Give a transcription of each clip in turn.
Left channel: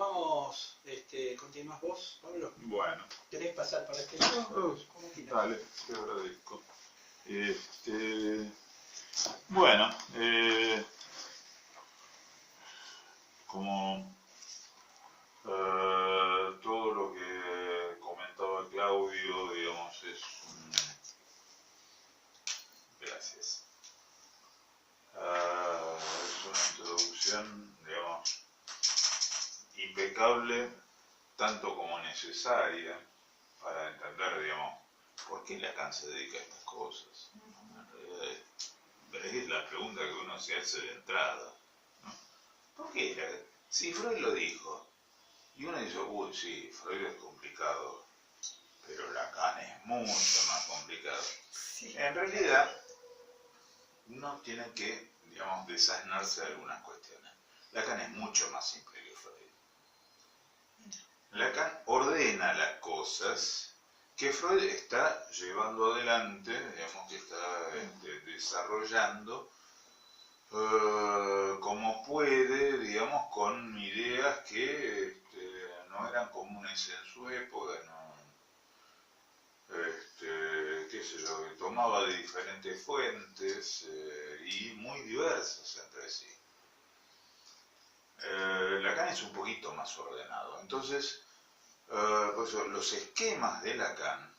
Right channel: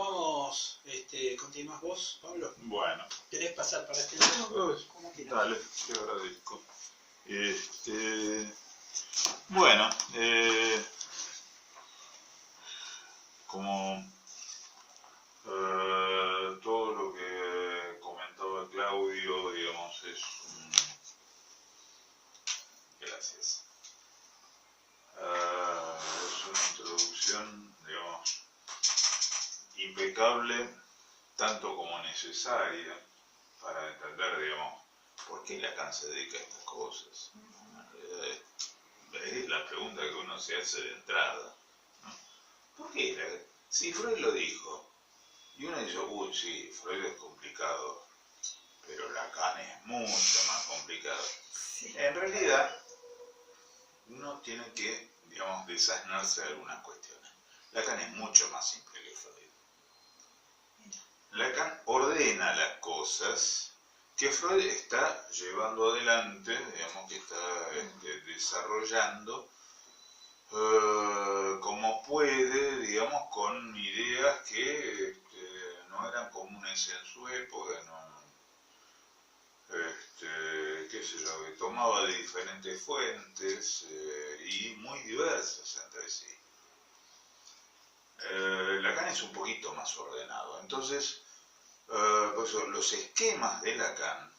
Continuamos, continúas vos, Pablo. Bueno. ¿Querés pasar para este lado? Como quieras. Dale, te agradezco. Bueno, como todo lo que comentaba Claudio, digamos, es gracias. Es una introducción, digamos, impecable, tanto como necesaria para entender, digamos, por qué Lacan se dedica a estas cosas. En realidad es la pregunta que uno se hace de entrada, ¿no? ¿Por qué? Si Freud lo dijo, y uno dice, uy, sí, Freud es complicado, pero Lacan es mucho más complicado. Sí. En realidad, uno tiene que, digamos, desasnarse de algunas cuestiones. Lacan es mucho más simple que Freud. Lacan ordena las cosas que Freud está llevando adelante, digamos, que está desarrollando como puede, digamos, con ideas que no eran comunes en su época, qué sé yo, que tomaba de diferentes fuentes y muy diversas entre sí. Lacan es un poquito más ordenado, entonces los esquemas de Lacan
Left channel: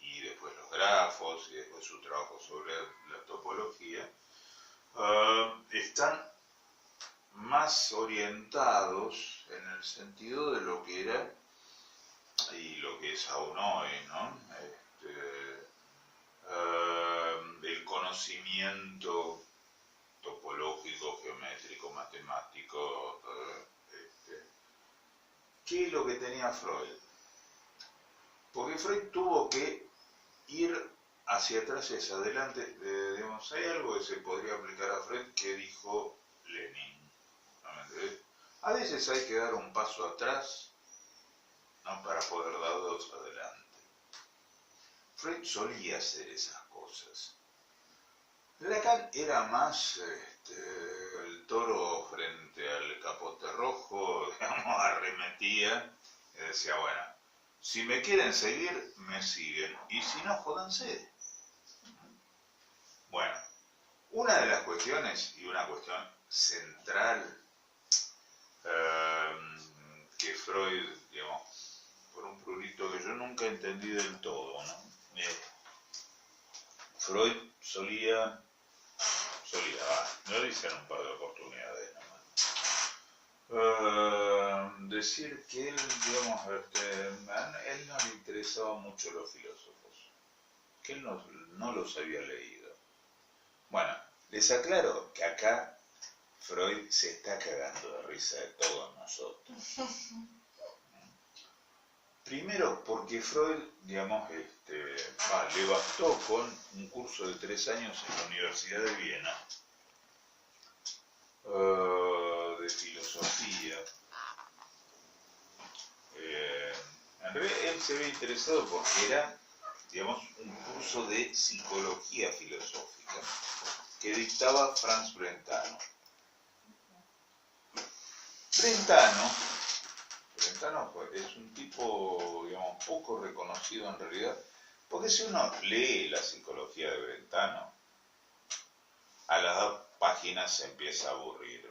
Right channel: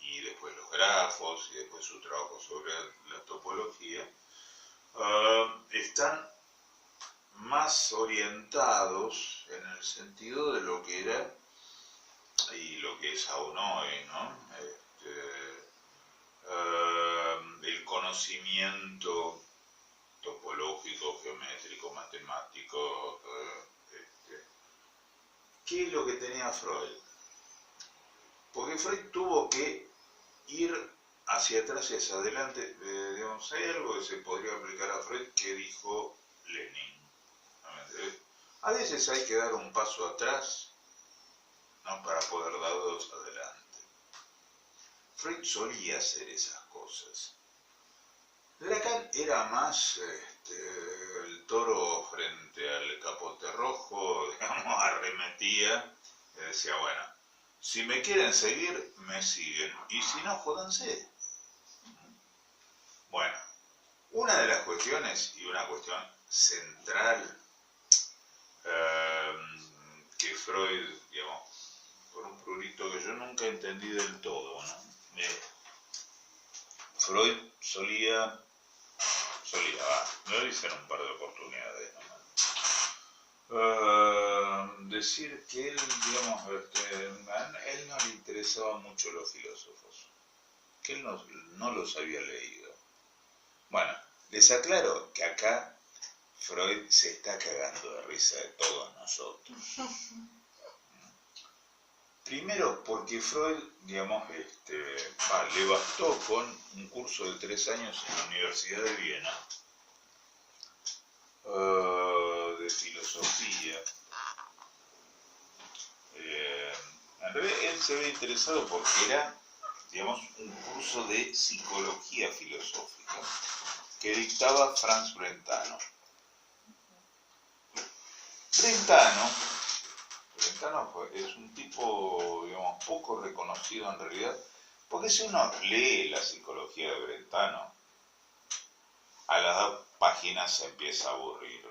y después los grafos y después su trabajo sobre la topología están más orientados en el sentido de lo que era y lo que es aún hoy, ¿no? El conocimiento topológico, geométrico, matemático. ¿Qué es lo que tenía Freud? Porque Freud tuvo que ir hacia atrás y hacia adelante. Digamos, hay algo que se podría aplicar a Freud que dijo Lenin. A veces hay que dar un paso atrás, ¿no?, para poder dar dos adelante. Freud solía hacer esas cosas. Lacan era más el toro frente al capote rojo, digamos, arremetía y decía, bueno, si me quieren seguir, me siguen, y si no, jódanse. Bueno, una de las cuestiones, y una cuestión central, que Freud, digamos, por un prurito que yo nunca entendí del todo, ¿no? Freud solía, me lo dicen un par de oportunidades, ¿no? Decir que él, digamos, a él no le interesaban mucho los filósofos, que él no los había leído. Bueno, les aclaro que acá Freud se está cagando de risa de todos nosotros. Primero porque Freud, digamos, le bastó con un curso de 3 años en la Universidad de Viena, de filosofía. En realidad él se ve interesado porque era, digamos, un curso de psicología filosófica que dictaba Franz Brentano. Brentano es un tipo, digamos, poco reconocido en realidad, porque si uno lee la psicología de Brentano, a las 2 páginas se empieza a aburrir.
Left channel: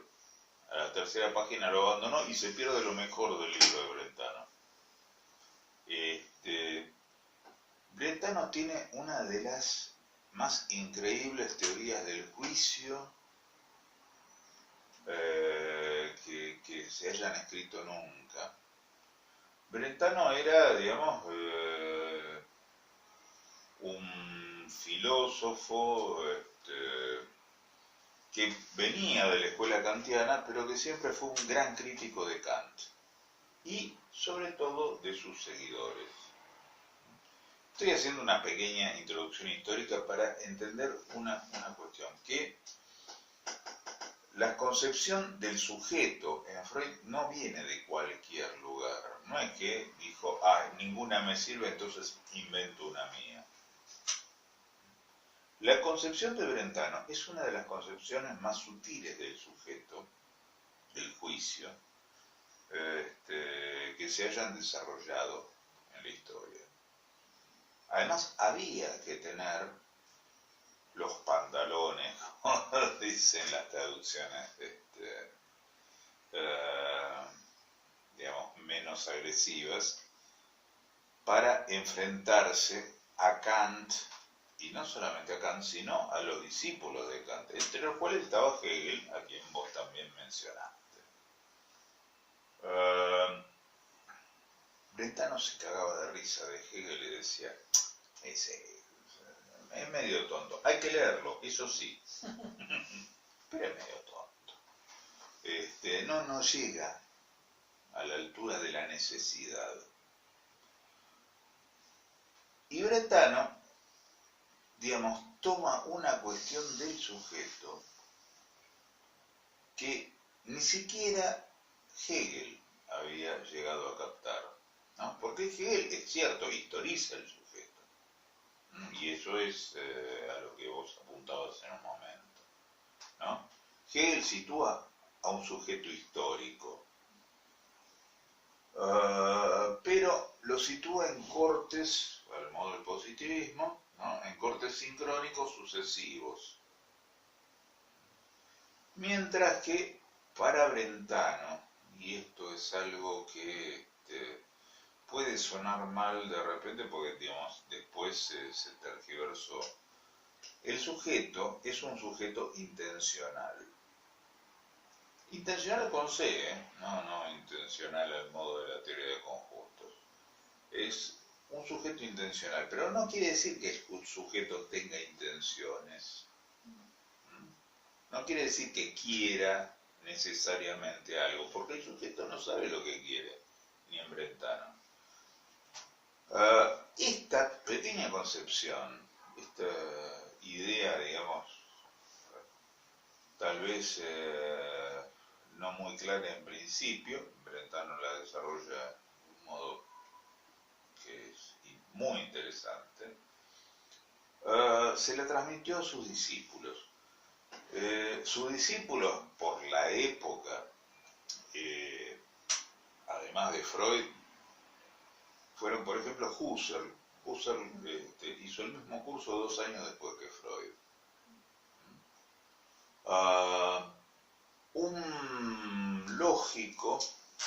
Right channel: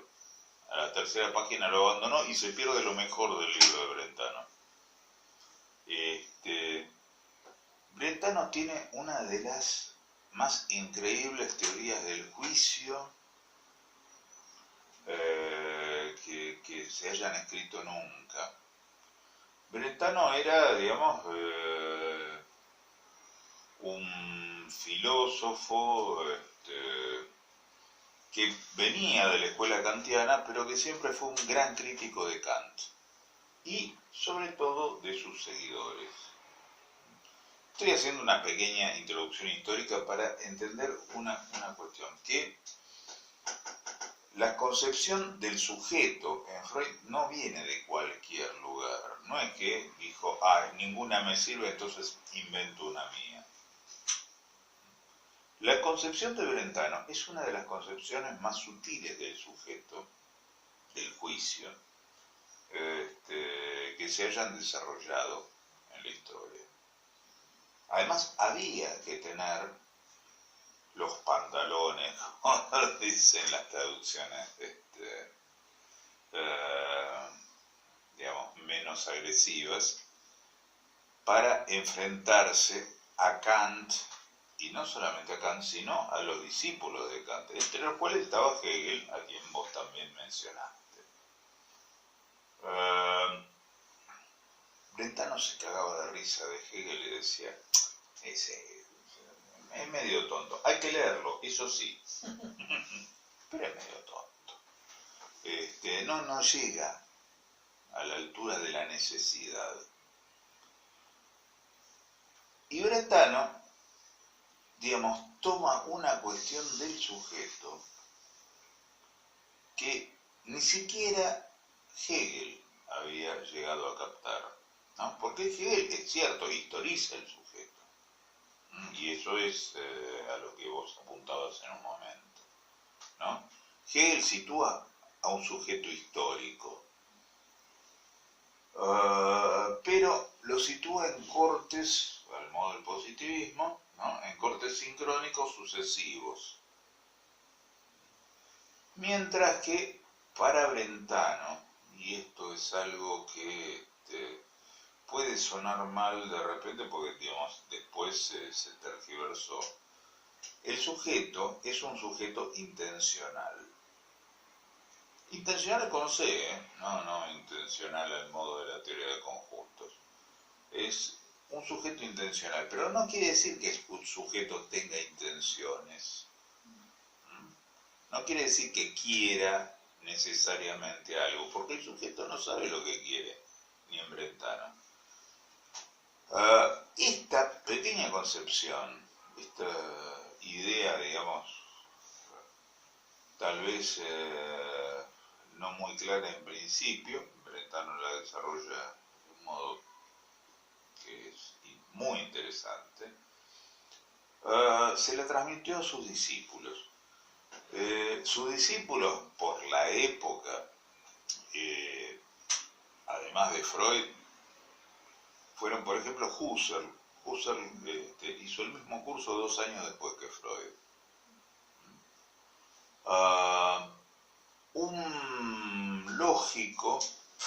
A la 3ª página lo abandonó y se pierde lo mejor del libro de Brentano. Brentano tiene una de las más increíbles teorías del juicio que se hayan escrito nunca. Brentano era, digamos, un filósofo que venía de la escuela kantiana, pero que siempre fue un gran crítico de Kant y, sobre todo, de sus seguidores. Estoy haciendo una pequeña introducción histórica para entender una cuestión, que la concepción del sujeto en Freud no viene de cualquier lugar. No es que dijo, ninguna me sirve, entonces invento una mía. La concepción de Brentano es una de las concepciones más sutiles del sujeto, del juicio, se hayan desarrollado en la historia. Además, había que tener los pantalones, como dicen las traducciones, digamos, menos agresivas, para enfrentarse a Kant, y no solamente a Kant, sino a los discípulos de Kant, entre los cuales estaba Hegel, a quien vos también mencionaste. Brentano se cagaba de risa de Hegel y decía, ese es medio tonto, hay que leerlo, eso sí, pero es medio tonto. No llega a la altura de la necesidad. Y Brentano, digamos, toma una cuestión del sujeto que ni siquiera Hegel había llegado a captar, ¿no? Porque Hegel, es cierto, historiza el sujeto, y eso es a lo que vos apuntabas en un momento, ¿no? Hegel sitúa a un sujeto histórico, pero lo sitúa en cortes, al modo del positivismo, ¿no? En cortes sincrónicos sucesivos. Mientras que para Brentano, y esto es algo que puede sonar mal de repente porque, digamos, después se tergiversó, el sujeto es un sujeto intencional. Intencional con C, no intencional al modo de la teoría de conjuntos. Es un sujeto intencional, pero no quiere decir que el sujeto tenga intenciones. No quiere decir que quiera necesariamente algo, porque el sujeto no sabe lo que quiere, ni en Brentano. Esta pequeña concepción, esta idea, digamos, tal vez no muy clara en principio, Brentano la desarrolla de un modo que es muy interesante, se la transmitió a sus discípulos. Sus discípulos, por la época, además de Freud, fueron, por ejemplo, Husserl. Husserl hizo el mismo curso 2 años después que Freud. Un lógico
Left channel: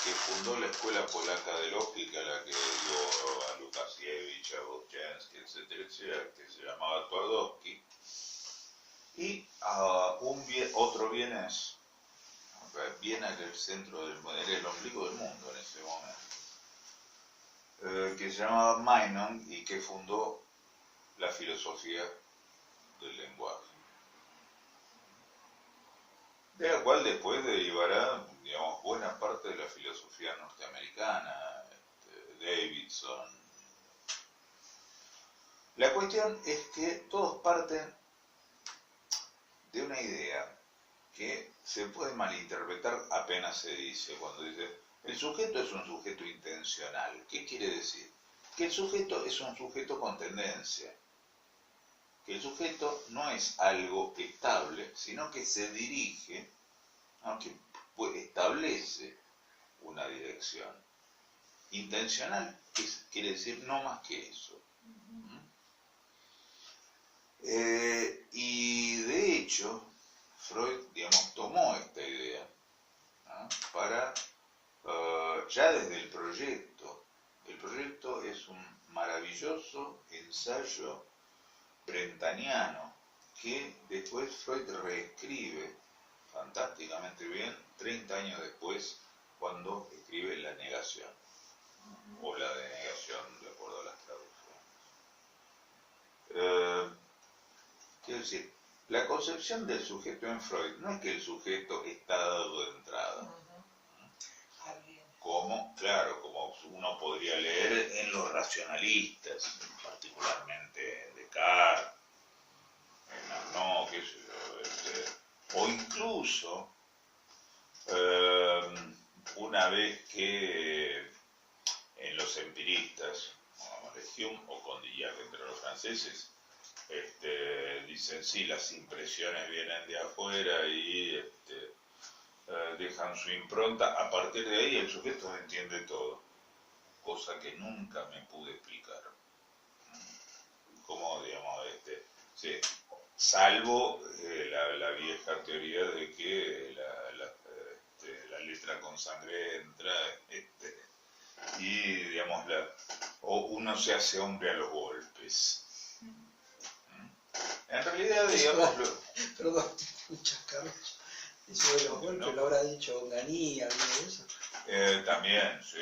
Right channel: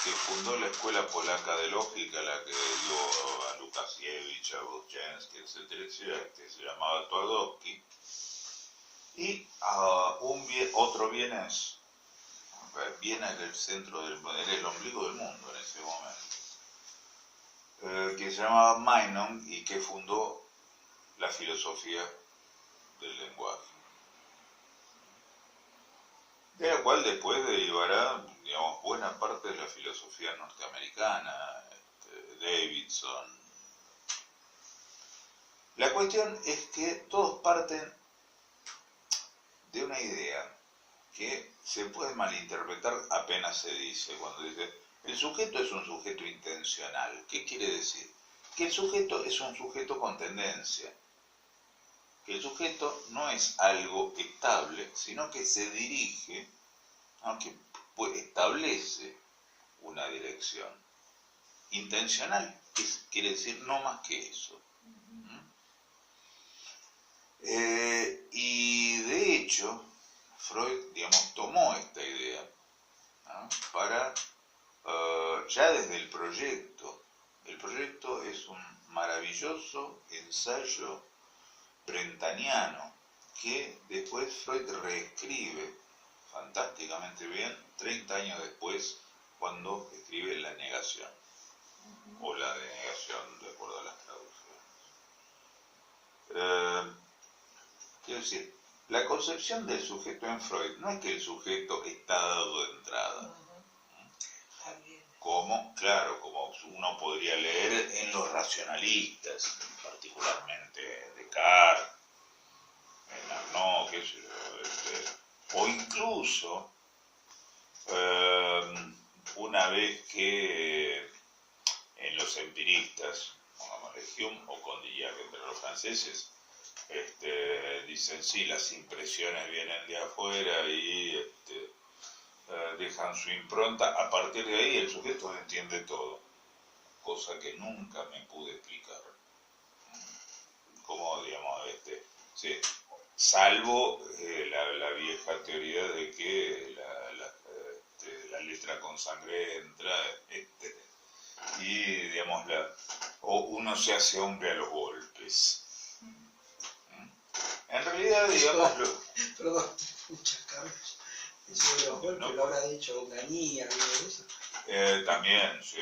que fundó la escuela polaca de lógica, la que dio a Lukasiewicz, a Bochensky, etcétera, que se llamaba Twardowski, y otro vienés. Viena era el centro era el ombligo del mundo en ese momento, que se llamaba Meinong y que fundó la filosofía del lenguaje, de la cual después derivará, digamos, buena parte de la filosofía norteamericana, Davidson. La cuestión es que todos parten de una idea que se puede malinterpretar apenas se dice, cuando dice, el sujeto es un sujeto intencional. ¿Qué quiere decir? Que el sujeto es un sujeto con tendencia, que el sujeto no es algo estable, sino que se dirige, aunque establece una dirección. Intencional quiere decir no más que eso. Y de hecho, Freud, digamos, tomó esta idea, ¿no? Para, ya desde el proyecto. El proyecto es un maravilloso ensayo brentaniano que después Freud reescribe fantásticamente bien 30 años después, cuando escribe La negación, o La denegación, de acuerdo a las traducciones. Quiero decir, la concepción del sujeto en Freud no es que el sujeto está dado de entrada, como uno podría leer en los racionalistas, particularmente Descartes, en Arnaud, o incluso una vez que en los empiristas, pongámosle Hume o Condillac entre los franceses, dicen sí, las impresiones vienen de afuera y dejan su impronta, a partir de ahí el sujeto entiende todo. cosa que nunca me pude explicar. Como, digamos, sí, salvo la vieja teoría de que la letra con sangre entra, y, digamos, o uno se hace hombre a los golpes. En realidad, digamos... Perdón, muchas cabezas. Eso de los golpes, ¿no? Lo habrá dicho Onganía, algo de eso. También, sí.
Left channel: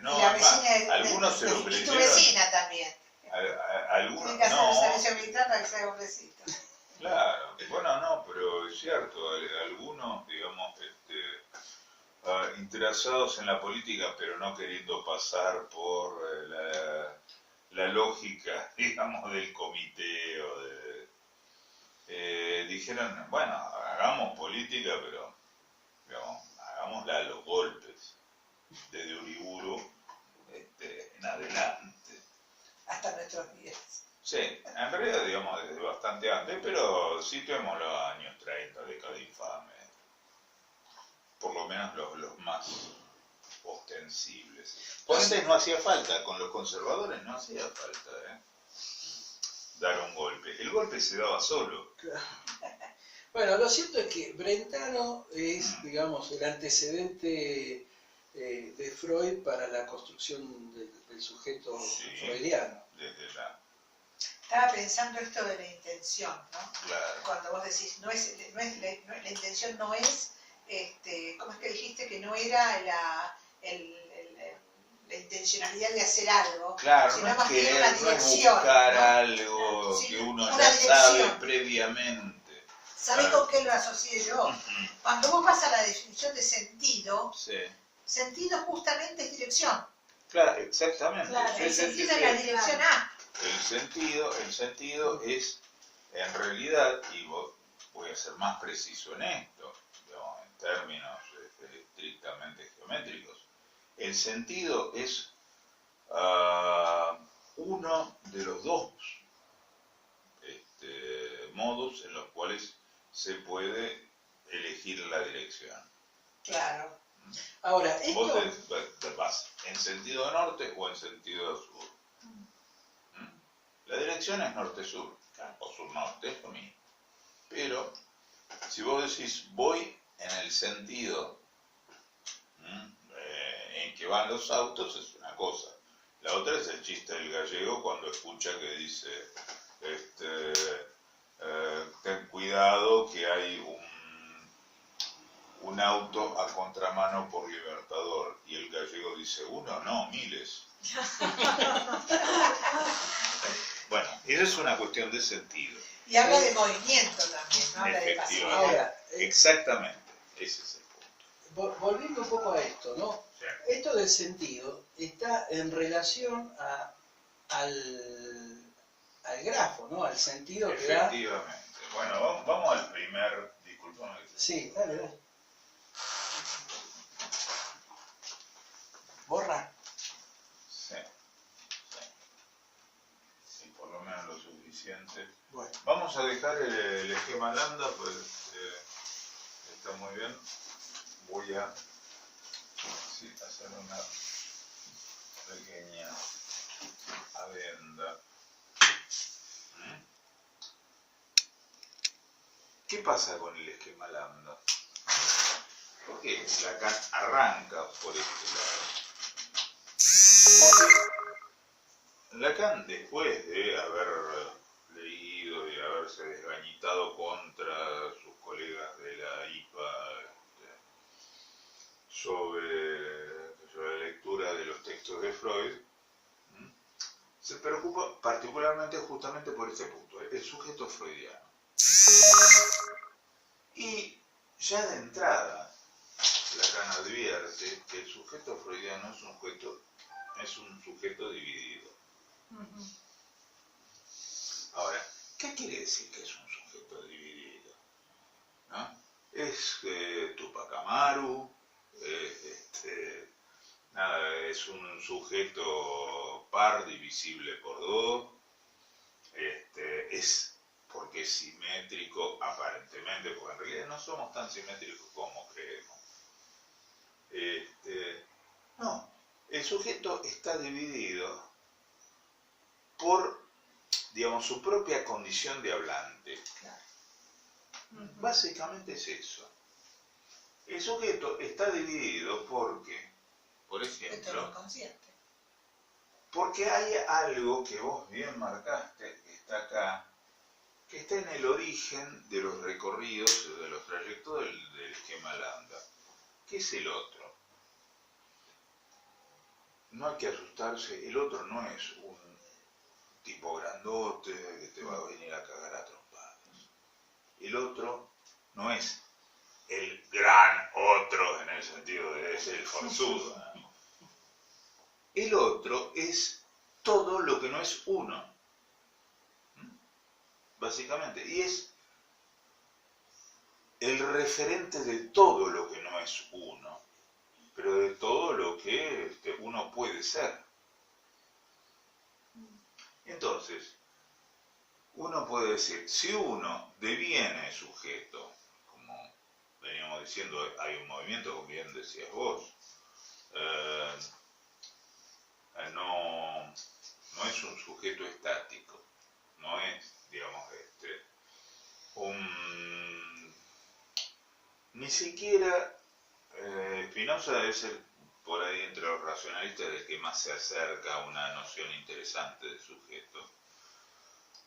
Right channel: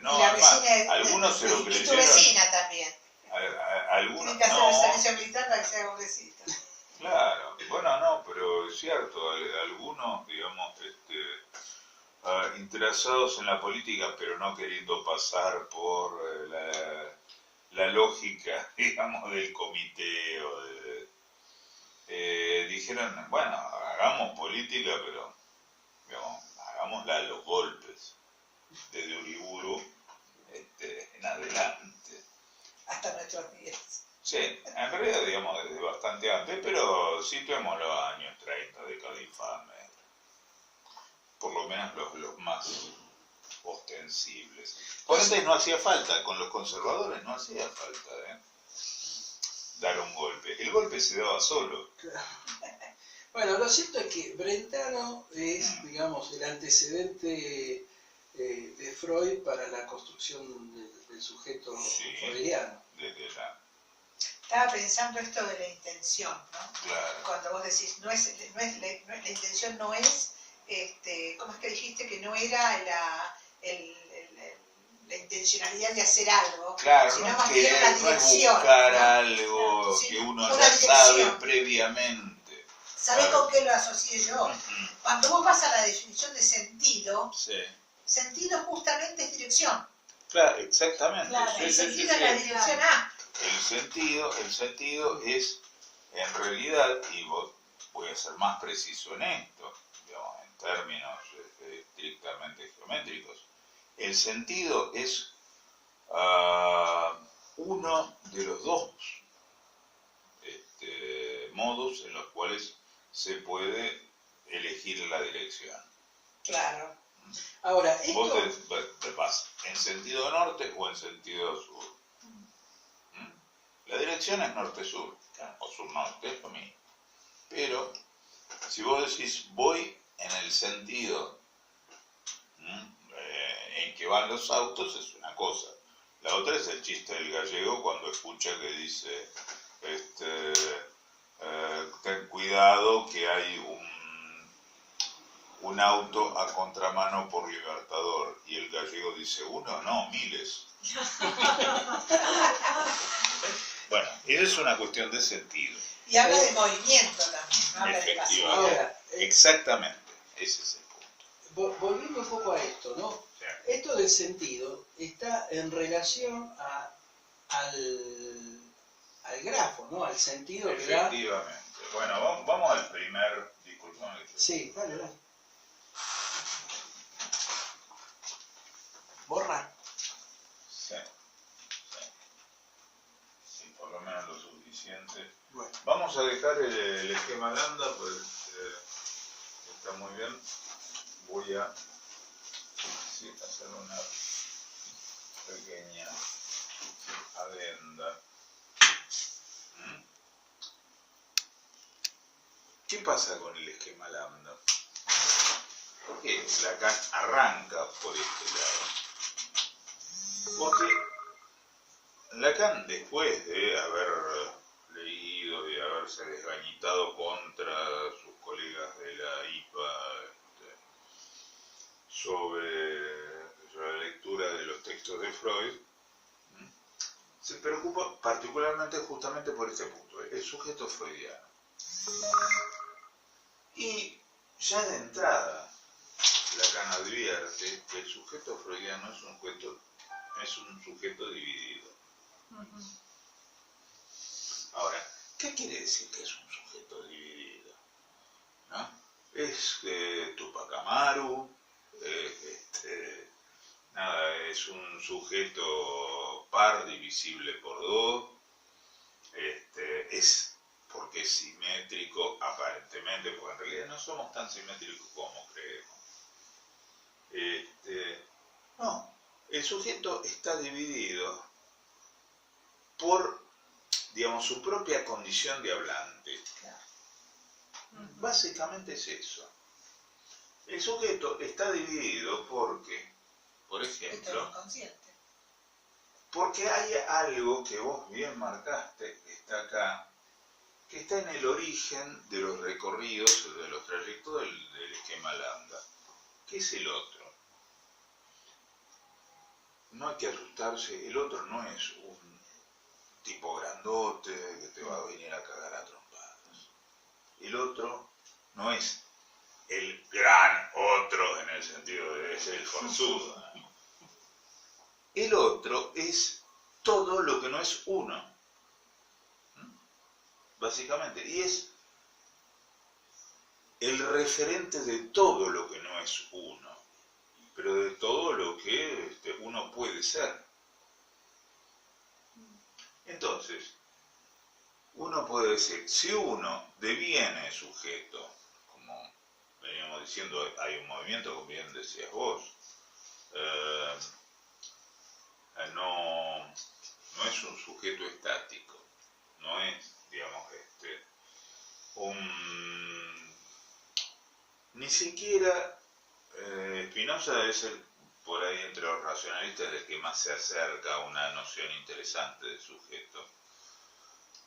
No, la además, vecina, algunos se lo creyeron. Y tu vecina también. Algunos, tienen que hacer el servicio militar para que sea hombrecito. Claro, bueno, no, pero es cierto, algunos, digamos, interesados en la política, pero no queriendo pasar por la lógica, digamos, del comité o dijeron, bueno, hagamos política, pero, digamos, hagámosla a los golpes, desde Uriburu en adelante. Hasta nuestros días. Sí, en realidad, digamos, desde bastante antes, pero situemos los años 30, década infame. Por lo menos los más ostensibles. Por antes no hacía falta, con los conservadores no hacía falta dar un golpe. El golpe se daba solo. Claro. Bueno, lo cierto es que Brentano es, digamos, el antecedente de Freud para la construcción del sujeto freudiano. Desde la... Estaba pensando esto de la intención, ¿no? Claro. Cuando vos decís, la intención no es, ¿cómo es que dijiste? Que no era la intencionalidad de hacer algo, claro, sino no más es bien una no dirección. Es buscar ¿no? algo Sí, que uno una ya sabe dirección. previamente. ¿Sabés Claro. con qué lo asocié yo? Cuando vos vas a la definición de sentido, Sí. sentido justamente es dirección. Claro, exactamente. Claro, el Sí, sentido es la dirección A. El sentido es, en realidad, y voy a ser más preciso en esto, digamos, en términos estrictamente geométricos, el sentido es uno de los dos modos en los cuales se puede elegir la dirección. Claro. Ahora, esto... Vos te vas en sentido norte o en sentido sur. La dirección es norte-sur, o sur-norte, es lo mismo. Pero, si vos decís, voy en el sentido en que van los autos, es una cosa. La otra es el chiste del gallego cuando escucha que dice, ten cuidado que hay un auto a contramano por Libertador. Y el gallego dice, uno, no, miles. Bueno, esa es una cuestión de sentido. Y habla de movimiento también, ¿no? Habla de pasión. Efectivamente. Exactamente, ese es el punto. Volviendo un poco a esto, ¿no? Sí. Esto del sentido está en relación al grafo, ¿no? Al sentido que da... Efectivamente. Bueno, vamos al primer... Disculpame. Sí, dale. Borra. Sí. Por lo menos lo suficiente. Bueno. Vamos a dejar el esquema lambda, pues está muy bien. Voy a hacer una pequeña adenda. ¿Qué pasa con el esquema lambda? Porque Lacan arranca por este lado. Porque Lacan, después de haber leído y haberse desgañitado contra sus colegas de la IPA sobre la lectura de los textos de Freud, se preocupa particularmente justamente por este punto, el sujeto freudiano. Y ya de entrada, Lacan advierte que el sujeto freudiano es un sujeto dividido. Ahora, ¿qué quiere decir que es un sujeto dividido? ¿No? Es Tupac Amaru, es un sujeto par divisible por dos, es porque es simétrico aparentemente, porque en realidad no somos tan simétricos como creemos. No, el sujeto está dividido por, digamos, su propia condición de hablante. Claro. Básicamente es eso. El sujeto está dividido porque, por Esto es ejemplo, inconsciente. porque hay algo que vos bien marcaste, que está acá, que está en el origen de los recorridos, de los trayectos del esquema lambda. ¿Qué es el otro? No hay que asustarse, el otro no es un tipo grandote que te va a venir a cagar a trompadas. El otro no es el gran otro en el sentido de ser el forzudo, ¿no? El otro es todo lo que no es uno, básicamente, y es el referente de todo lo que no es uno, pero de todo lo que uno puede ser. Entonces, uno puede decir, si uno deviene sujeto, como veníamos diciendo, hay un movimiento, como bien decías vos, no es un sujeto estático, no es, digamos, ni siquiera Spinoza es por ahí entre los racionalistas el que más se acerca a una noción interesante de sujeto,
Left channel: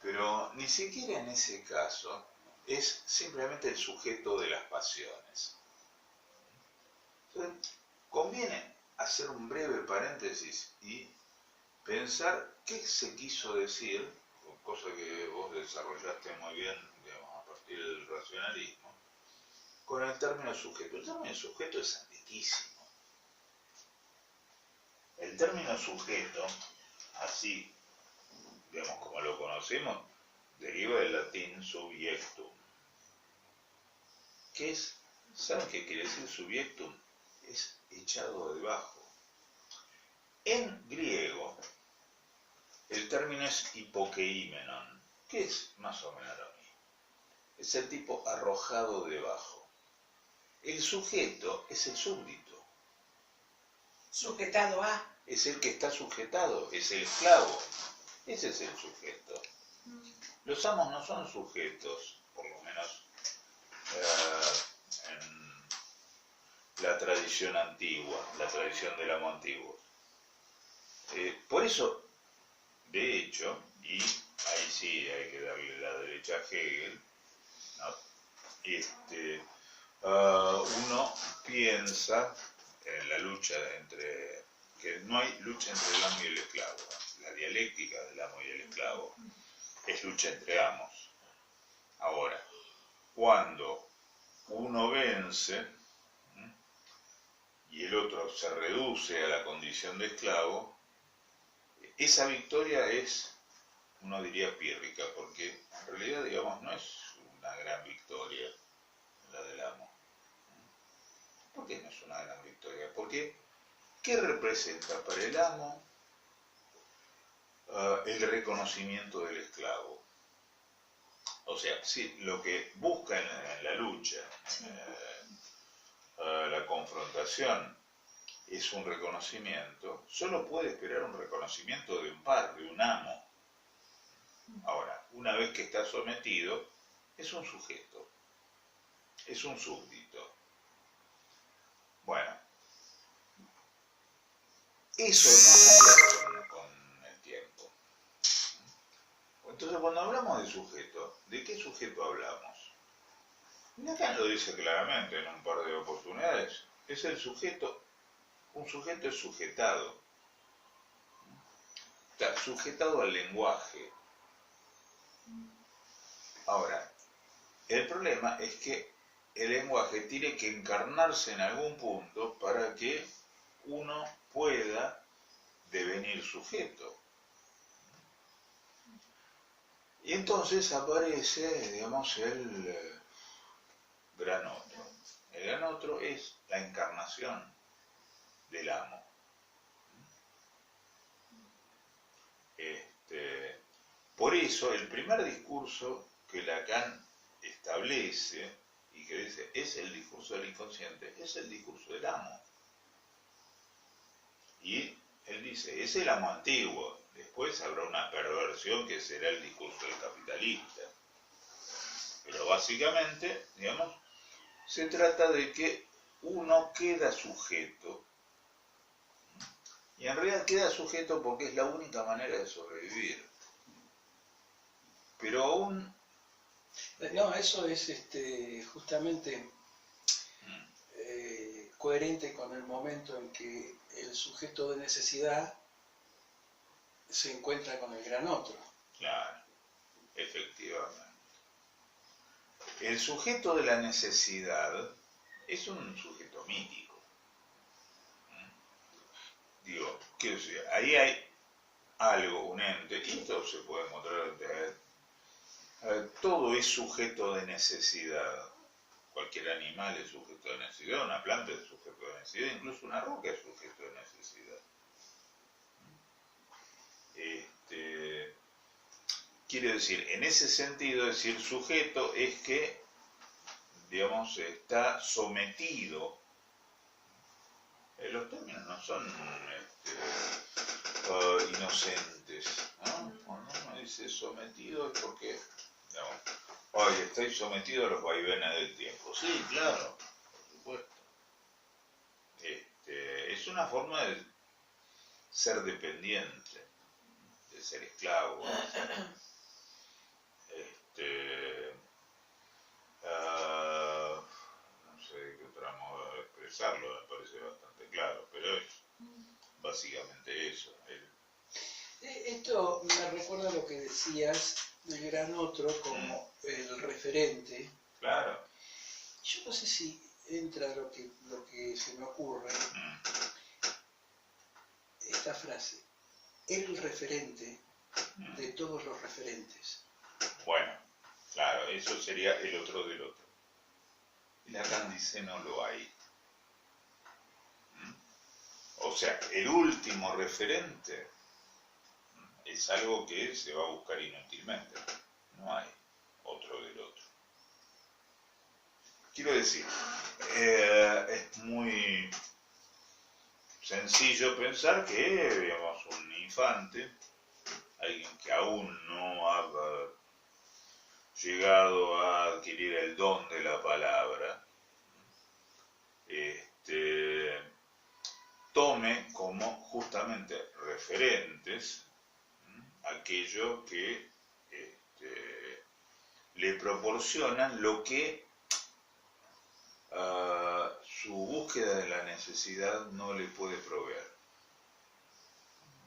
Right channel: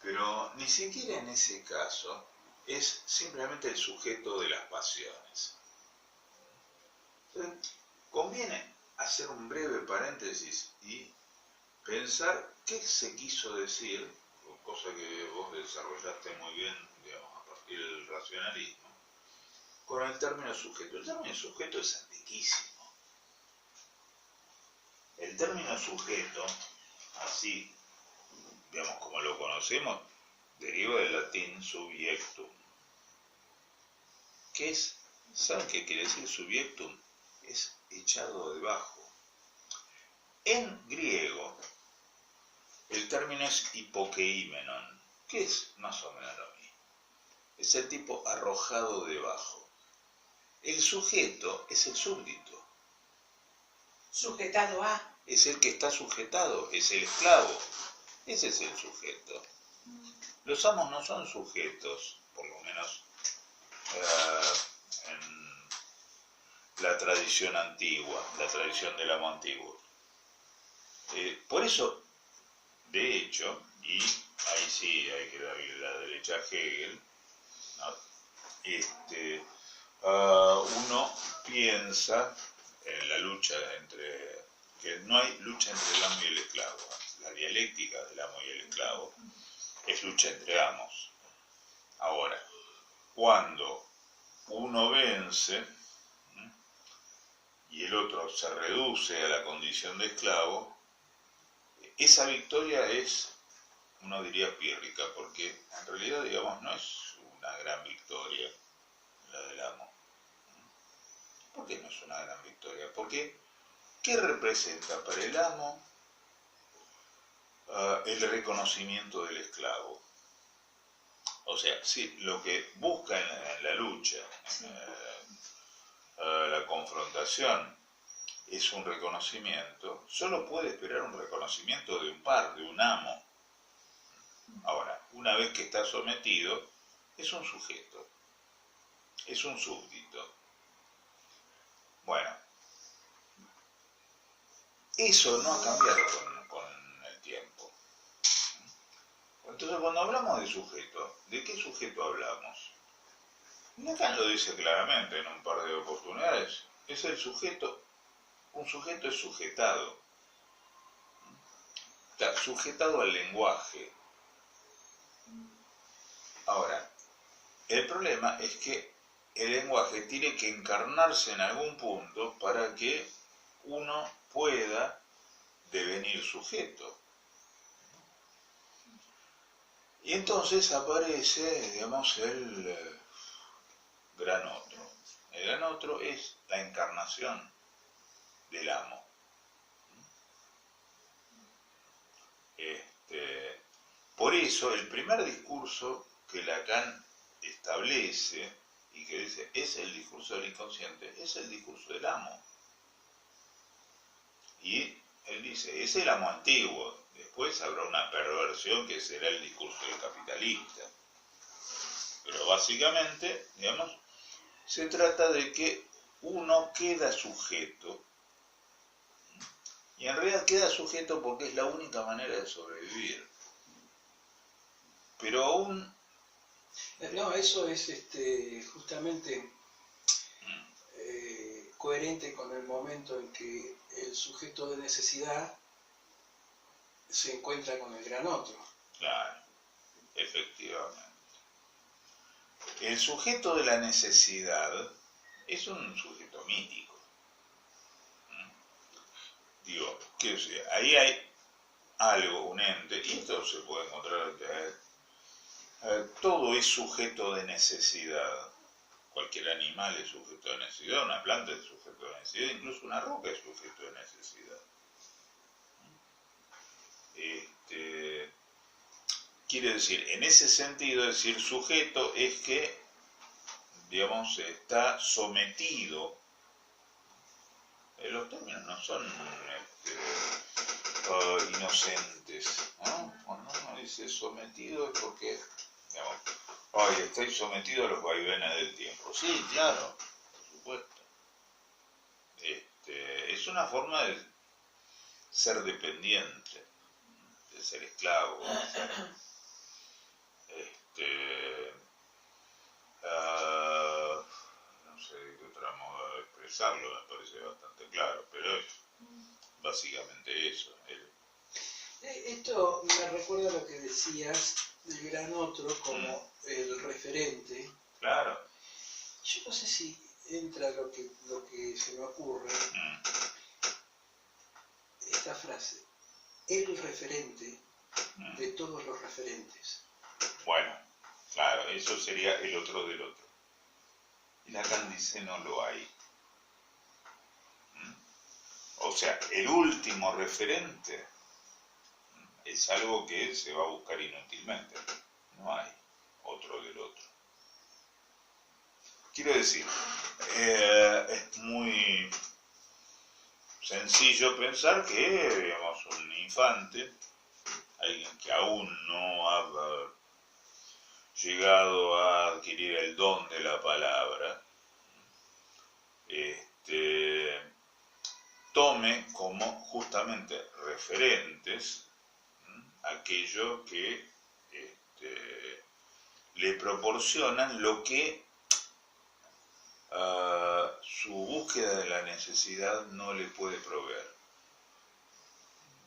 pero ni siquiera en ese caso es simplemente el sujeto de las pasiones. Entonces, conviene hacer un breve paréntesis y pensar qué se quiso decir, cosa que vos desarrollaste muy bien, digamos, a partir del racionalismo, con el término sujeto. El término sujeto es antiquísimo. El término sujeto, así, digamos, como lo conocemos, deriva del latín subjectum. ¿Qué es? ¿Saben qué quiere decir subjectum? Es echado debajo. En griego, el término es hipokeimenon, que es más o menos lo mismo. Es el tipo arrojado debajo. El sujeto es el súbdito. Sujetado a. Es el que está sujetado, es el esclavo. Ese es el sujeto. Los amos no son sujetos, por lo menos en la tradición antigua, la tradición del amo antiguo. Por eso, de hecho, y ahí sí hay que darle la derecha a Hegel, ¿no? Uno piensa en la lucha entre, que no hay lucha entre el amo y el esclavo, la dialéctica del amo y el esclavo es lucha entre amos. Ahora, cuando uno vence y el otro se reduce a la condición de esclavo, esa victoria es, uno diría, pírrica, porque en realidad, digamos, no es una gran victoria la del amo. ¿Por qué no es una gran victoria? Porque, ¿qué representa para el amo el reconocimiento del esclavo? O sea, sí, lo que busca en la lucha, la confrontación, es un reconocimiento, solo puede esperar un reconocimiento de un par, de un amo. Ahora, una vez que está sometido, es un sujeto, es un súbdito. Bueno, eso no ha cambiado con el tiempo. Entonces, cuando hablamos de sujeto, ¿de qué sujeto hablamos? Lacan lo dice claramente en un par de oportunidades. Es el sujeto, un sujeto es sujetado. Está sujetado al lenguaje. Ahora, el problema es que el lenguaje tiene que encarnarse en algún punto para que uno pueda devenir sujeto. Y entonces aparece, digamos, el gran otro. El gran otro es la encarnación del amo. Por eso, el primer discurso que Lacan establece y que dice es el discurso del inconsciente, es el discurso del amo. Y Él dice, es el amo antiguo. Después habrá una perversión que será el discurso del capitalista. Pero básicamente, digamos, se trata de que uno queda sujeto. Y en realidad queda sujeto porque es la única manera de sobrevivir. Pero aún... No, eso es justamente coherente con el momento en que el sujeto de necesidad se encuentra con el gran otro. Claro, efectivamente. El sujeto de la necesidad es un sujeto mítico. Digo, quiero decir, ahí hay algo, un ente, y esto se puede encontrar, todo es sujeto de necesidad. Cualquier animal es sujeto de necesidad, una planta es sujeto de necesidad, incluso una roca es sujeto de necesidad. Quiere decir, en ese sentido, decir sujeto es que, digamos, está sometido. Los términos no son inocentes, ¿no? Cuando uno dice sometido es porque, digamos, oye, estoy sometido a los vaivenes del tiempo. Sí, claro, por supuesto. Es una forma de ser dependiente, de ser esclavo. No sé de qué otra modo de expresarlo, me parece bastante claro, pero es básicamente eso. Esto me recuerda lo que decías del gran otro como el referente. Claro. Yo no sé si entra lo que se me ocurre, esta frase, el referente de todos los referentes. Bueno, claro, eso sería el otro del otro. Y Lacan dice no lo hay. O sea, el último referente es algo que se va a buscar inútilmente. No hay otro del otro. Quiero decir, es muy sencillo pensar que, digamos, un infante, alguien que aún no ha llegado a adquirir el don de la palabra, tome como justamente referentes aquello que le proporcionan lo que su búsqueda de la necesidad no le puede proveer.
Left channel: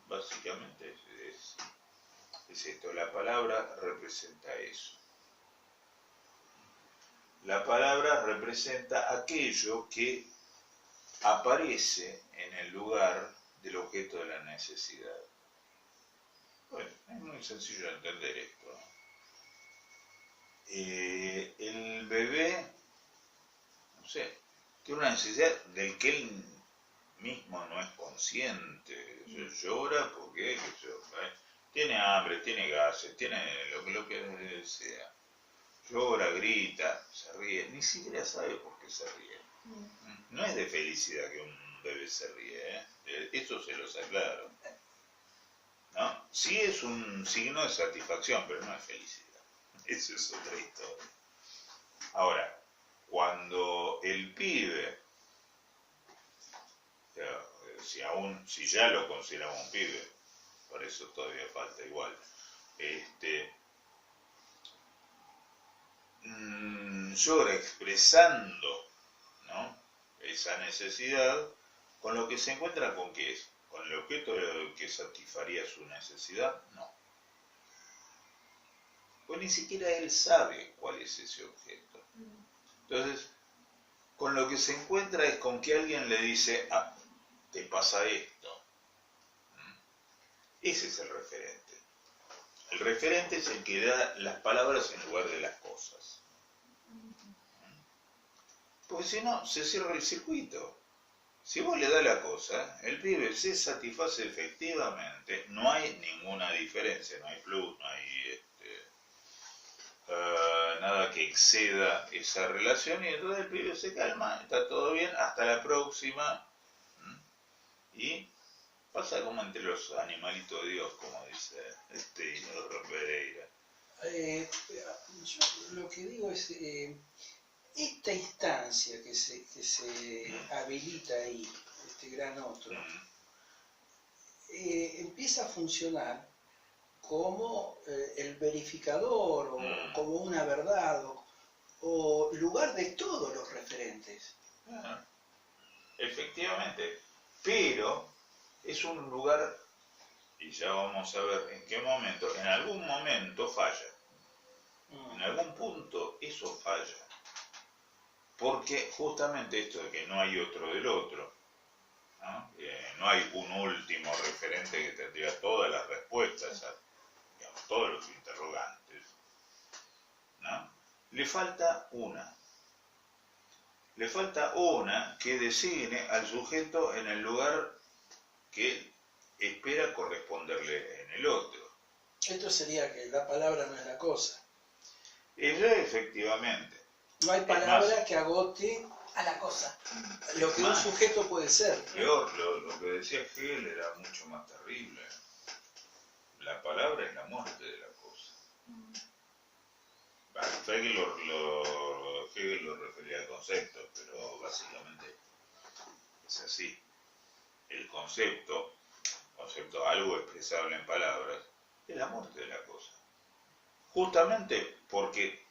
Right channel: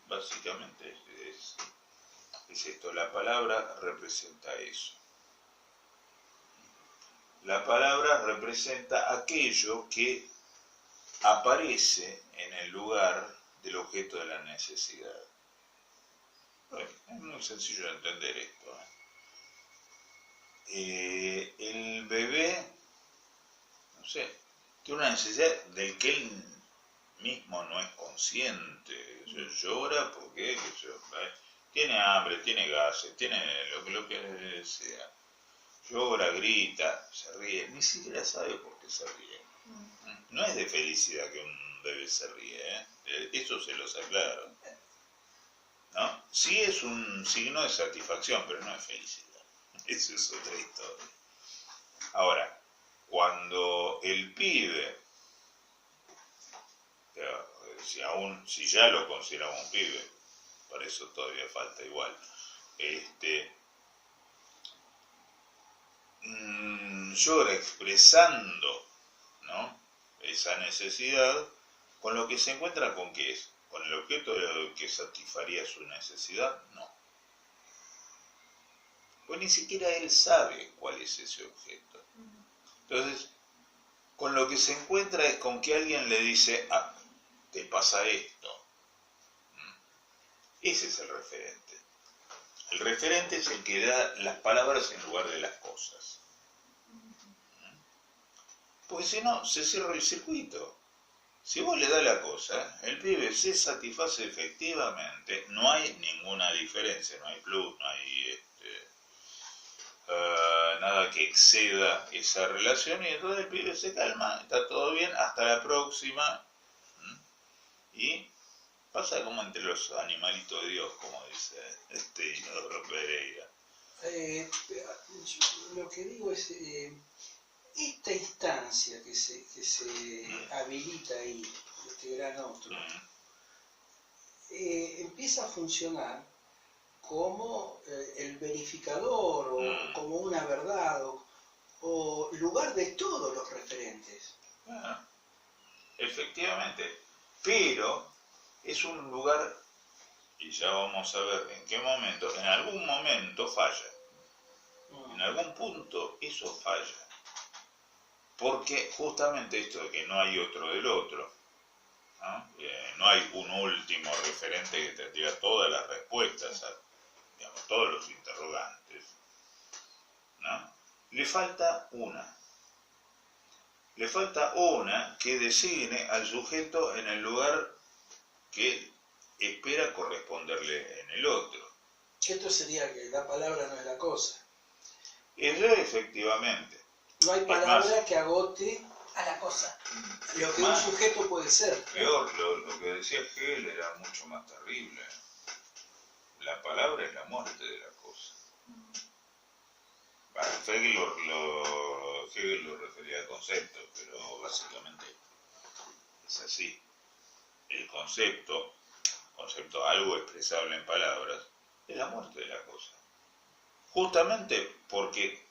Básicamente es esto, la palabra representa eso. La palabra representa aquello que aparece en el lugar del objeto de la necesidad. Bueno, es muy sencillo de entender esto. El bebé, no sé, tiene una necesidad del que él mismo no es consciente. Llora porque tiene hambre, tiene gases, tiene lo que sea. Llora, grita, se ríe, ni siquiera sabe por qué se ríe. No es de felicidad que un bebé se ríe, eso se los aclaro. ¿No? Sí es un signo de satisfacción, pero no es felicidad. Eso es otra historia. Ahora, cuando el pibe, si ya lo consideramos un pibe, para eso todavía falta igual, llora expresando, ¿no?, esa necesidad, con lo que se encuentra con qué es, con el objeto que satisfaría su necesidad, no. Pues ni siquiera él sabe cuál es ese objeto. Entonces, con lo que se encuentra es con que alguien le dice, te pasa esto. Ese es el referente. El referente es el que da las palabras en lugar de las cosas. Porque si no, se cierra el circuito. Si vos le das la cosa, el pibe se satisface efectivamente, no hay ninguna diferencia, no hay plus, no hay nada que exceda esa relación, y entonces el pibe se calma, está todo bien, hasta la próxima, y Pasa como entre los animalitos de Dios, como dice Inodoro Pereira. Yo lo que digo es, esta instancia que se habilita ahí, este gran otro, empieza a funcionar como el verificador o como una verdad o lugar de todos los referentes. Efectivamente, pero es un lugar, y ya vamos a ver en qué momento, en algún momento falla. En algún punto eso falla. Porque justamente esto de que no hay otro del otro, no hay un último referente que tendría todas las respuestas a, digamos, todos los interrogantes, ¿no? Le falta una. Le falta una que designe al sujeto en el lugar que espera corresponderle en el otro. Esto sería que la palabra no es la cosa. Eso efectivamente. No hay palabra que agote a la cosa. Lo que un sujeto puede ser. Peor, lo que decía Hegel era mucho más terrible. La palabra es la muerte de la cosa. Bueno, Hegel lo refería al concepto, pero básicamente es así. El concepto algo expresable en palabras, es la muerte de la cosa. Justamente porque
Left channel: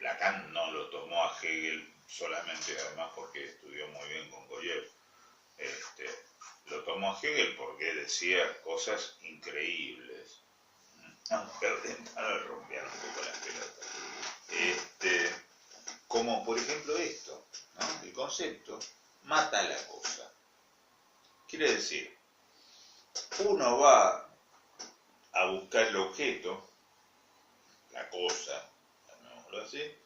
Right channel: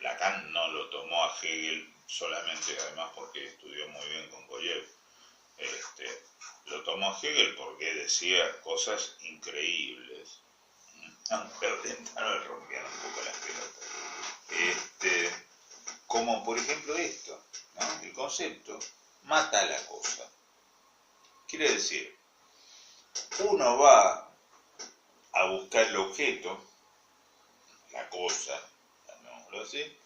Lacan no lo tomó a Hegel solamente, además porque estudió muy bien con Goyev, lo tomó a Hegel porque decía cosas increíbles. Aunque Rentano rompía un poco las pelotas. Como por ejemplo esto, ¿no? El concepto mata a la cosa. Quiere decir, uno va a buscar el objeto, la cosa, llamémoslo así,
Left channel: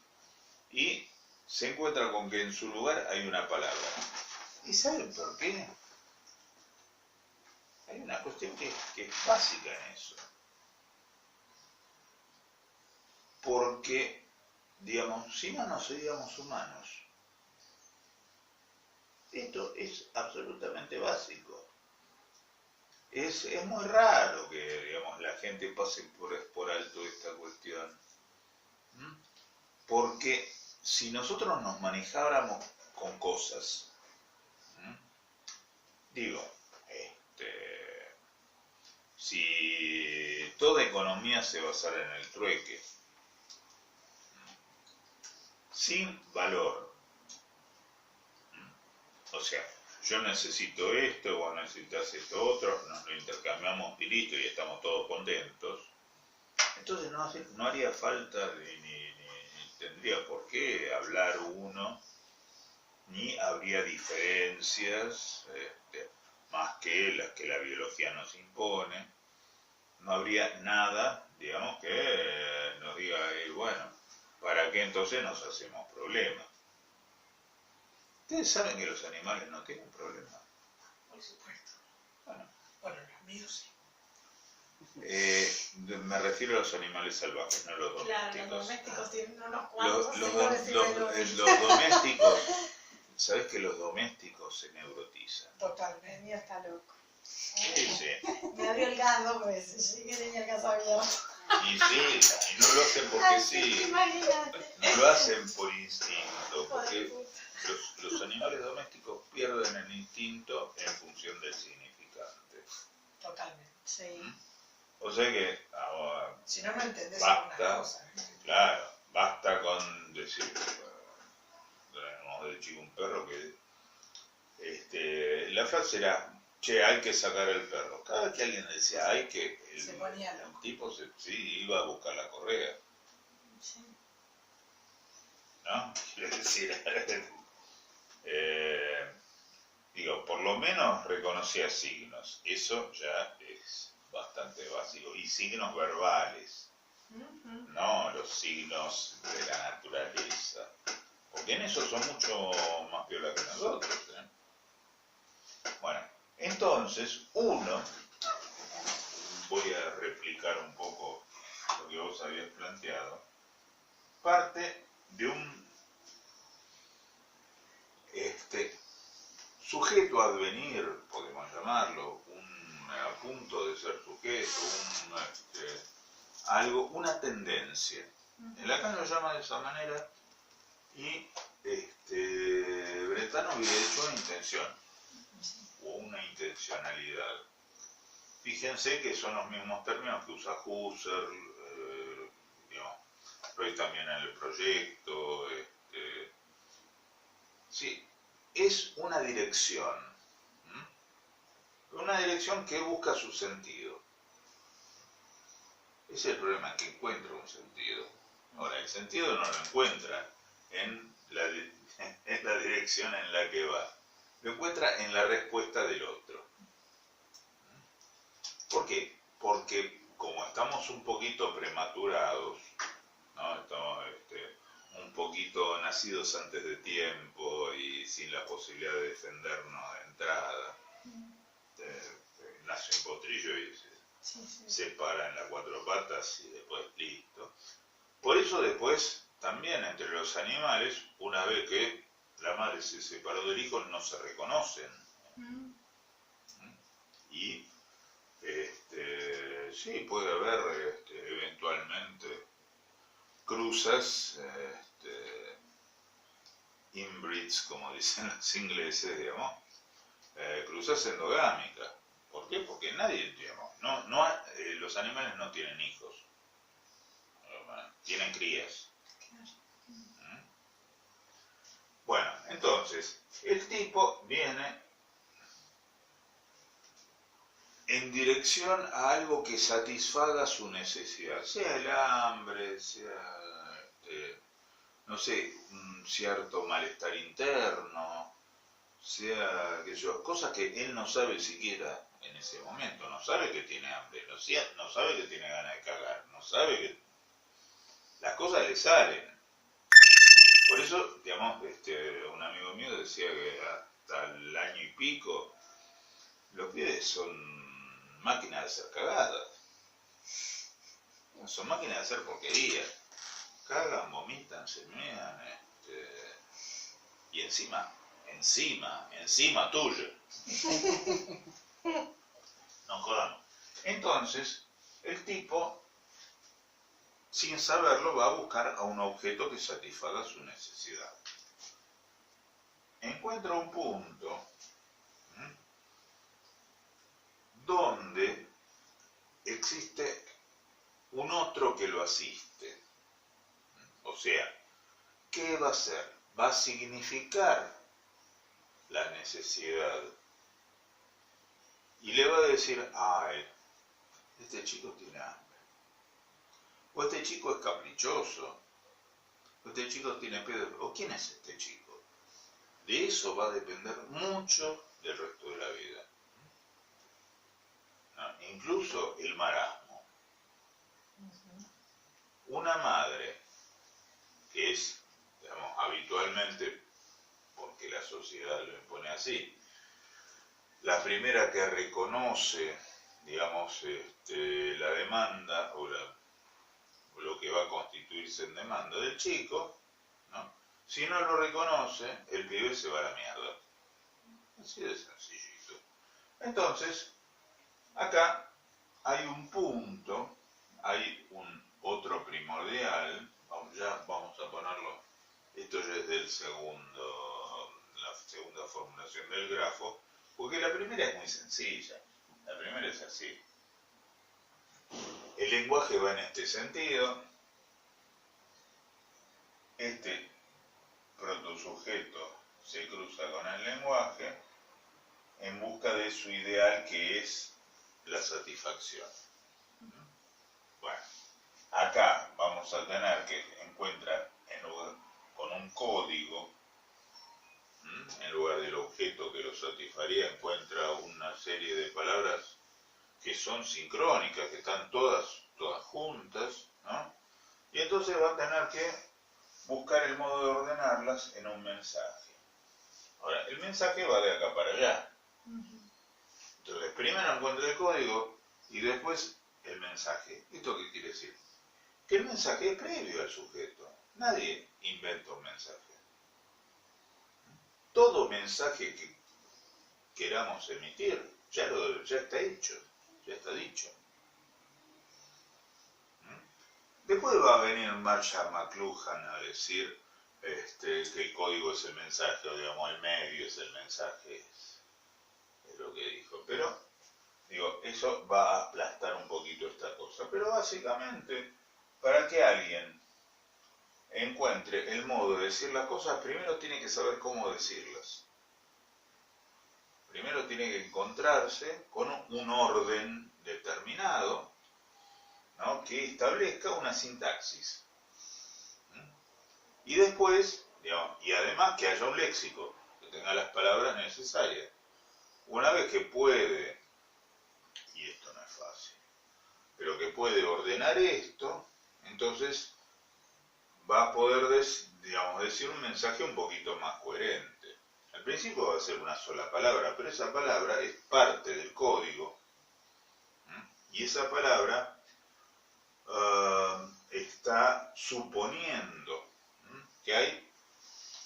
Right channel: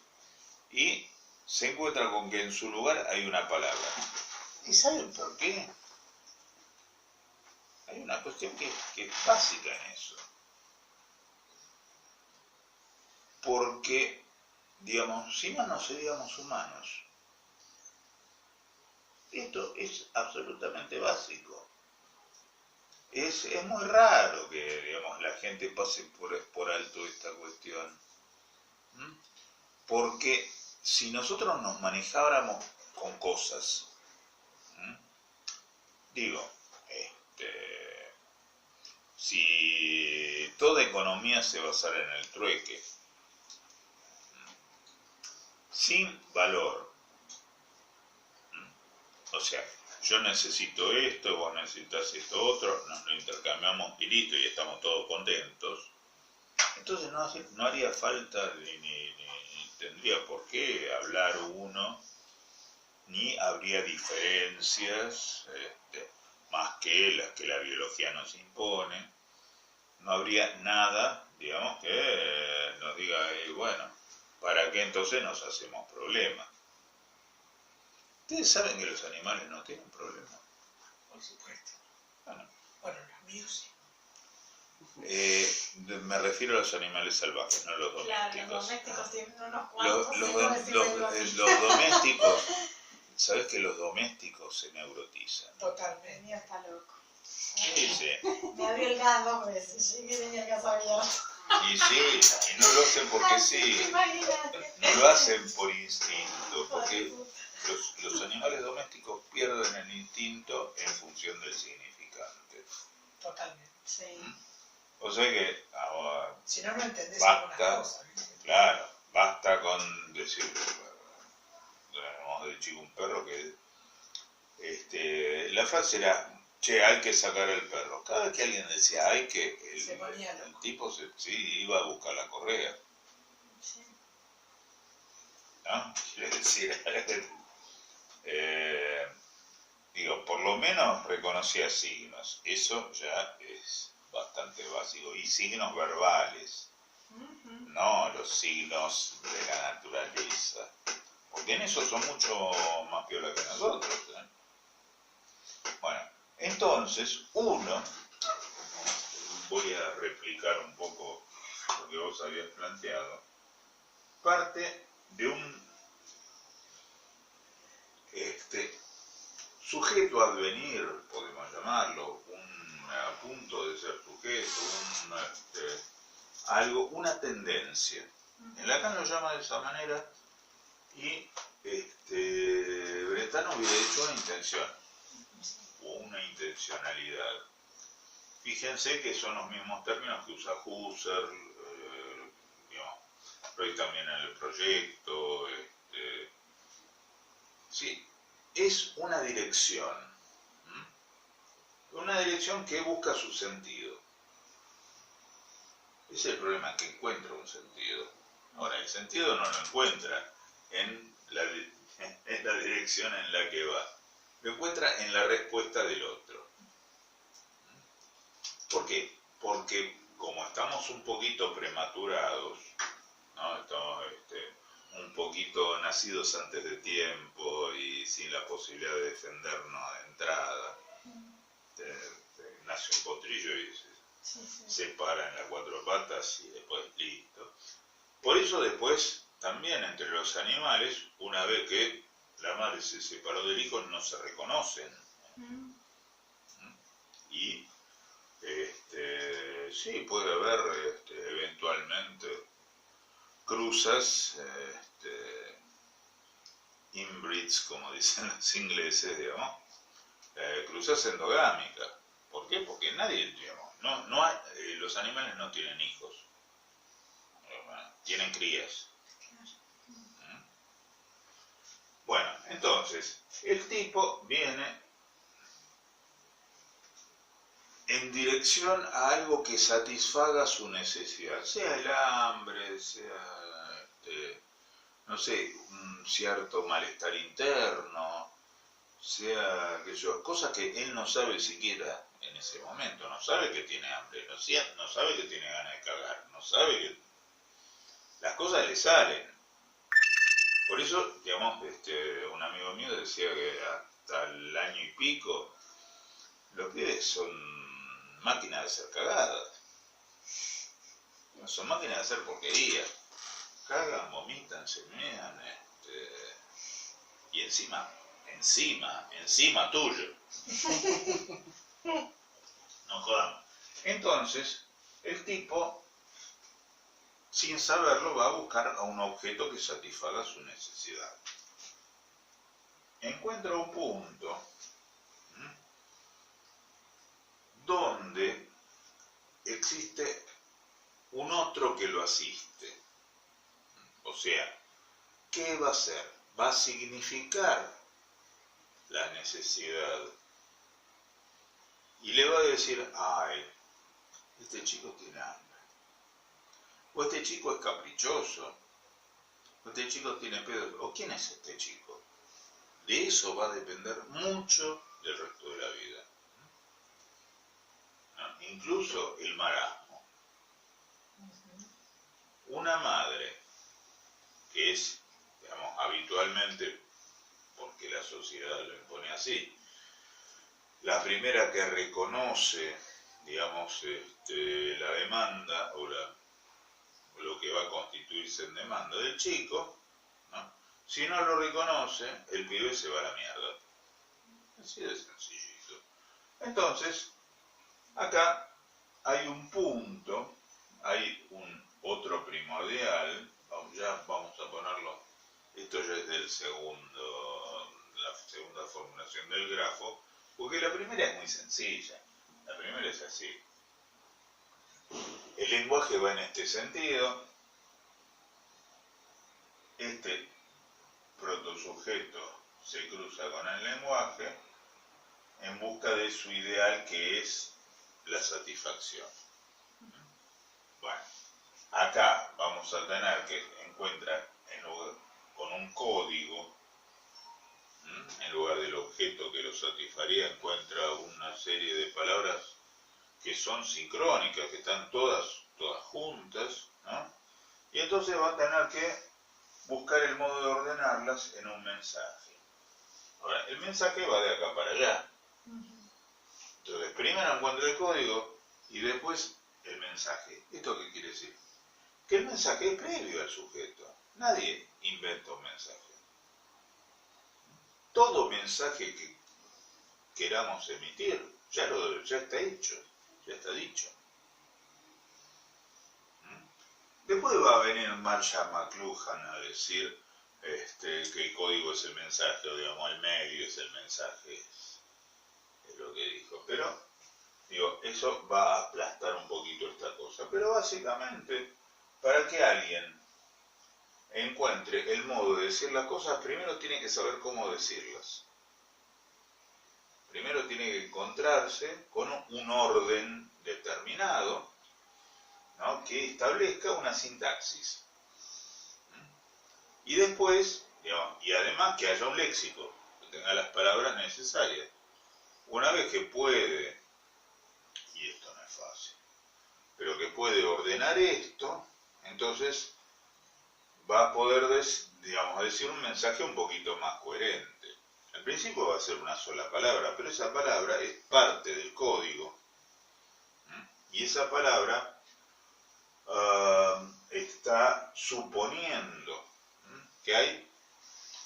y se encuentra con que en su lugar hay una palabra. ¿Y saben por qué? Hay una cuestión que es básica en eso. Porque, digamos, si no, no seríamos humanos. Esto es absolutamente básico. Es muy raro que, digamos, la gente pase por alto esta cuestión. Porque si nosotros nos manejáramos con cosas, digo, si toda economía se basara en el trueque, sin valor, o sea, yo necesito esto, vos necesitas esto otro, nos lo intercambiamos y listo, y estamos todos contentos, entonces no haría falta ni tendría por qué hablar uno, ni habría diferencias más que las que la biología nos impone. No habría nada, digamos, que nos diga, bueno, ¿para qué entonces nos hacemos problemas? Ustedes saben que los animales no tienen problemas. Por supuesto. Bueno, los míos sí. Me refiero a los animales salvajes, no a los domésticos. Claro, los domésticos tienen unos cuantos. Los domésticos, ¿sabés que los domésticos se neurotizan? Totalmente. El mío está loco. Sí. Me abrió el caldo, pues llegué tenía casa abierta. Y sí, y no lo hacen porque sí, Imagínate. no lo hacen por instinto, porque los animales domésticos pierden el instinto en función del significante. Totalmente. Sí. O sea que ahora, Si no, no entendés basta, algunas cosas. claro, basta con decir, tenemos de chico un perro que la frase era, che, hay que sacar al perro. Cada vez que alguien decía hay que, el tipo sí iba a buscar la correa. Sí. ¿No? Quiero decir, digo, por lo menos reconocía signos. Eso ya es bastante básico. Y signos verbales, no los signos de la naturaleza. Porque en eso son mucho más piola que nosotros. Bueno, entonces uno, voy a replicar un poco lo que vos habías planteado, parte de un sujeto a advenir, podemos llamarlo, un punto de ser sujeto, algo, una tendencia. En Lacan lo llama de esa manera y Brentano hubiera hecho una intención o una intencionalidad. Fíjense que son los mismos términos que usa Husserl, Freud también en el proyecto. Sí, es una dirección. Una dirección que busca su sentido. Ese es el problema, que encuentra un sentido. Ahora, el sentido no lo encuentra en la dirección en la que va. Lo encuentra en la respuesta del otro. ¿Por qué? Porque como estamos un poquito prematurados, ¿no? Estamos un poquito nacidos antes de tiempo y sin la posibilidad de defendernos de entrada, nace un potrillo y se para en las cuatro patas y después listo. Por eso después también entre los animales, una vez que la madre se separó del hijo, no se reconocen. Y sí, puede haber eventualmente cruzas, inbreeds, como dicen los ingleses, digamos, cruzas endogámicas. ¿Por qué? Porque nadie, digamos, los animales no tienen hijos, tienen crías. Bueno, entonces, el tipo viene en dirección a algo que satisfaga su necesidad, sea el hambre, sea, no sé, un cierto malestar interno, sea cosas que él no sabe siquiera en ese momento, no sabe que tiene hambre, no sabe que tiene ganas de cagar, no sabe que las cosas le salen. Por eso, digamos, un amigo mío decía que hasta el año y pico los pibes son máquinas de ser cagadas, son máquinas de hacer porquerías, cagan, vomitan, se mean, y encima tuyo. No jodamos. Entonces, el tipo, sin saberlo, va a buscar a un objeto que satisfaga su necesidad. Encuentra un punto donde existe un otro que lo asiste. O sea, ¿qué va a hacer? Va a significar la necesidad. Y le va a decir, ay, este chico tiene hambre. O este chico es caprichoso. O este chico tiene pedo. ¿O quién es este chico? De eso va a depender mucho del resto de la vida. ¿No? Incluso el marasmo. Una madre que es, digamos, habitualmente, porque la sociedad lo impone así, la primera que reconoce, digamos, la demanda o lo que va a constituirse en demanda del chico, ¿no? Si no lo reconoce, el pibe se va a la mierda. Así de sencillito. Entonces, acá hay un punto, hay un otro primordial, ya vamos a ponerlo, esto ya es la segunda formulación del grafo, porque la primera es muy sencilla, la primera es así. El lenguaje va en este sentido, este protosujeto se cruza con el lenguaje en busca de su ideal, que es la satisfacción. Bueno, acá vamos a tener que encuentra con un código, en lugar del objeto que lo satisfaría, encuentra una serie de palabras que son sincrónicas, que están todas juntas, ¿no? Y entonces va a tener que buscar el modo de ordenarlas en un mensaje. Ahora, el mensaje va de acá para allá. Entonces, primero encuentra el código y después el mensaje. ¿Esto qué quiere decir? Que el mensaje es previo al sujeto. Nadie inventa un mensaje. Todo mensaje que queramos emitir ya está hecho. Ya está dicho. Después va a venir Marshall McLuhan a decir que el código es el mensaje, o digamos, el medio es el mensaje, es lo que dijo. Pero, digo, eso va a aplastar un poquito esta cosa. Pero básicamente, para que alguien encuentre el modo de decir las cosas, primero tiene que saber cómo decirlas. Primero tiene que encontrarse con un orden determinado, ¿no?, que establezca una sintaxis. Y después, digamos, y además que haya un léxico, que tenga las palabras necesarias. Una vez que puede, y esto no es fácil, pero que puede ordenar esto, entonces va a poder, digamos, decir un mensaje un poquito más coherente. Al principio va a ser una sola palabra, pero esa palabra es parte del código. Y esa palabra está suponiendo que hay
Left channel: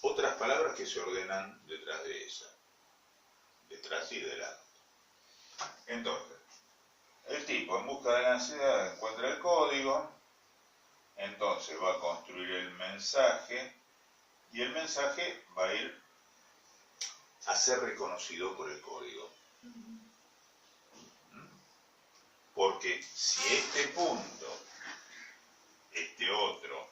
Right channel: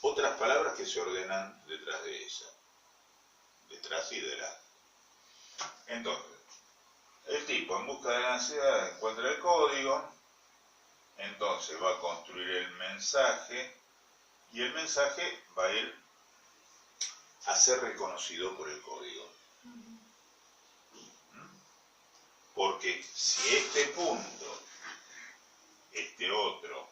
otras palabras que se ordenan detrás de esa, detrás y delante. Entonces, el tipo en busca de la ansiedad encuentra el código, entonces va a construir el mensaje y el mensaje va a ir a ser reconocido por el código. Porque si este punto, este otro